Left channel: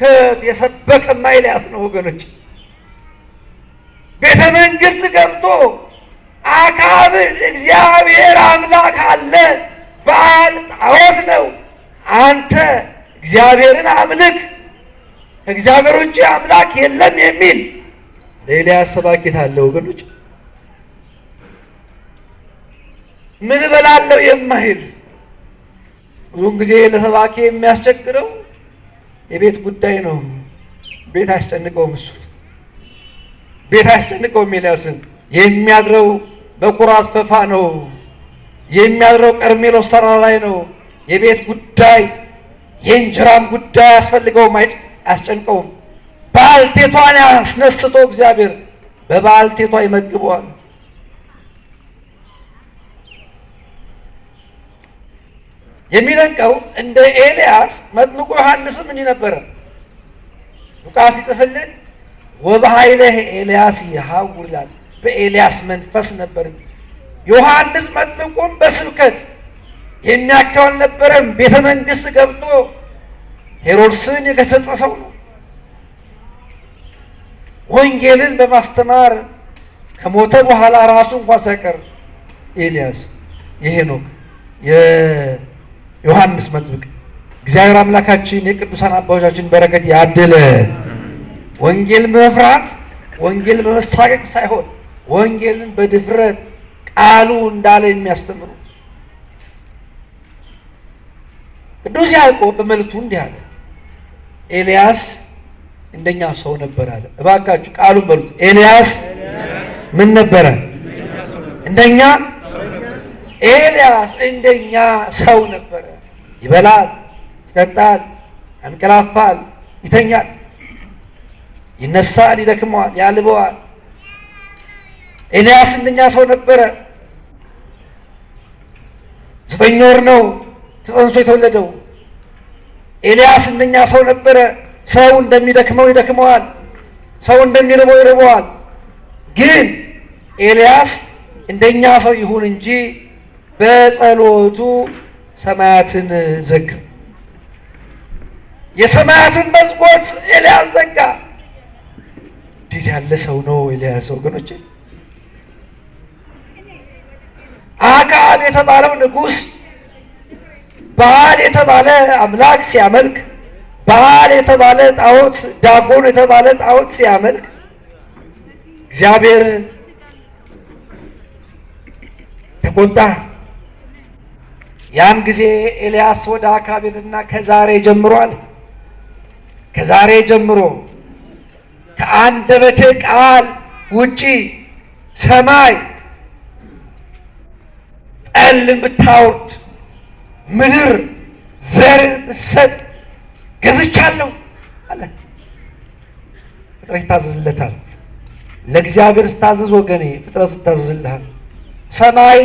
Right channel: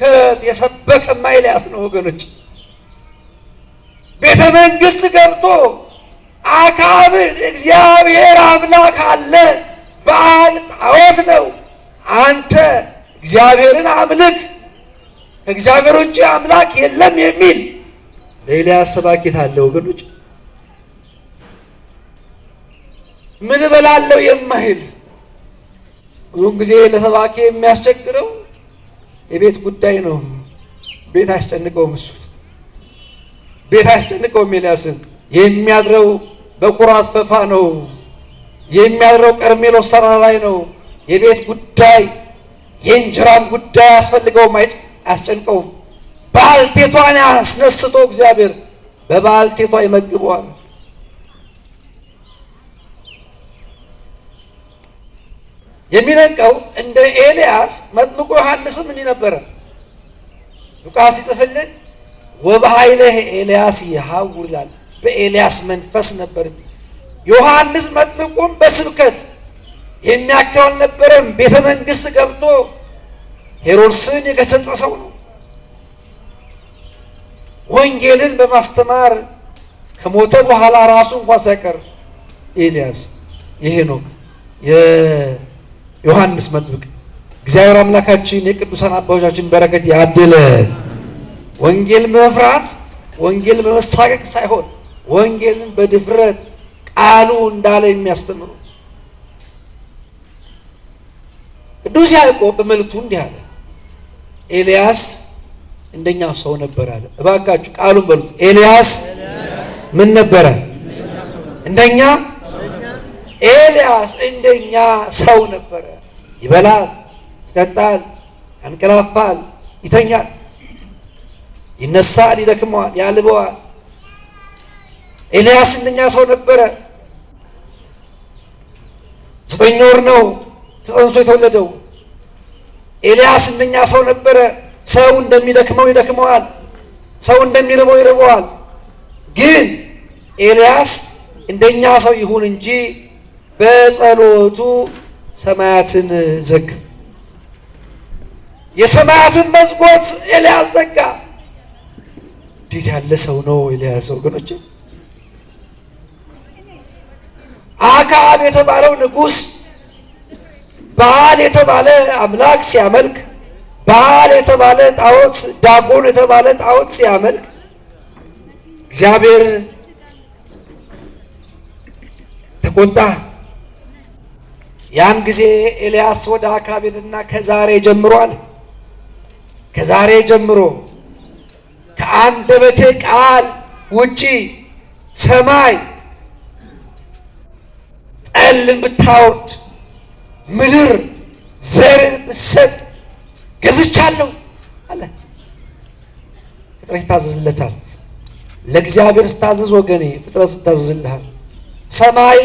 ስብከት የሰበከማ ኤልያስ ነው ወገኖች። ቤተ መንግሥት ገብቶ አክዓብን እግዚአብሔር አምላክ አለ፣ በዓል ጣዖት ነው፣ አንተ እግዚአብሔርን አምልክ፣ ከእግዚአብሔር ውጭ አምላክ የለም የሚል ለኤልያስ ሰባኪት አለ ወገኖች። ምን እበላለሁ የማይል ብዙውን ጊዜ ለሰባኪ የሚያስቸግረው የቤት ጉዳይ ነው። ቤት አያስጨንቀውም፣ እሱ ቤት አያስጨንቀውም። ኤልያስን የሚያድረው በኩራት ፈፋ ነው፣ የሚያድረው ቀርሜሎስ ተራራ ላይ ነው። የቤት ጉዳይ የእንጀራም ጉዳይ አያስፈልገውም፣ አያስጨንቀውም። ባልቴቷን ያስነስቶ እግዚአብሔር በባልቴቷ ይመግበዋል። የሚደንቀው እንደ ኤልያስ መጥምቁ ዮሐንስም እንዲህ ነበረ። ሉቃስ ይጽፍልን ወበኃይለ ኤልያስ ይሐውር ይላል። በኤልያስ መንፈስ ነበር። ዮሐንስ መጥምቁም በስብከት የሚያክል አልነበረም። ቤተ መንግሥት ገብቶ ሄሮድስን የገሰጸ ሰው ነው። ወንጌልን በማስተማር ከሞተ በኋላ ራሱ እንኳን ሳይቀር ኤልያስ የሄኖክ ዮሐንስ መጥምቅ። እግዚአብሔር አምላካችን የቅዱሳን አባቶቻችን በረከት ያድለን። ወንጌል በመፍራት ወንጌል በመሳቀቅ ሳይሆን ወንጌልን በድፍረት ቃሉ እንዳለ የሚያስተምሩ። ቅዱስ ያዕቆብ በመልእክቱ እንዲህ አለ፣ ኤልያስ እንደኛ ሰው ነበር አለ። እባካችሁ ቃሉን በሉት። ኤልያስ ምን ነበረ? እንደኛ ኤልያስ እንደኛ ሰው ነበረ። ይበላል፣ ይጠጣል፣ ያንቀላፋል፣ ይተኛል፣ ይነሳል፣ ይደክመዋል፣ ያልበዋል። ኤልያስ እንደኛ ሰው ነበረ። 9 ወር ነው ተጸንሶ የተወለደው። ኤልያስ እንደኛ ሰው ነበረ። ሰው እንደሚደክመው ይደክመዋል፣ ሰው እንደሚርበው ይርበዋል። ግን ኤልያስ እንደኛ ሰው ይሁን እንጂ በጸሎቱ ሰማያትን ዘጋ። የሰማያትን መስኮት ኤልያስ ዘጋ። እንዴት ያለ ሰው ነው ኤልያስ ወገኖቼ! አክዓብ የተባለው ንጉሥ በዓል የተባለ አምላክ ሲያመልክ፣ በዓል የተባለ ጣዖት፣ ዳጎን የተባለ ጣዖት ሲያመልክ እግዚአብሔር ተቆጣ። ያን ጊዜ ኤልያስ ወደ አክዓብ ሄደና ከዛሬ ጀምሯል፣ ከዛሬ ጀምሮ ከአንደበቴ ቃል ውጪ ሰማይ ጠልን ብታወርድ ምድር ዘርን ብትሰጥ ገዝቻለሁ አለ። ፍጥረት ይታዘዝለታል። ለእግዚአብሔር ስታዘዝ ወገኔ ፍጥረት ይታዘዝልሃል። ሰማይ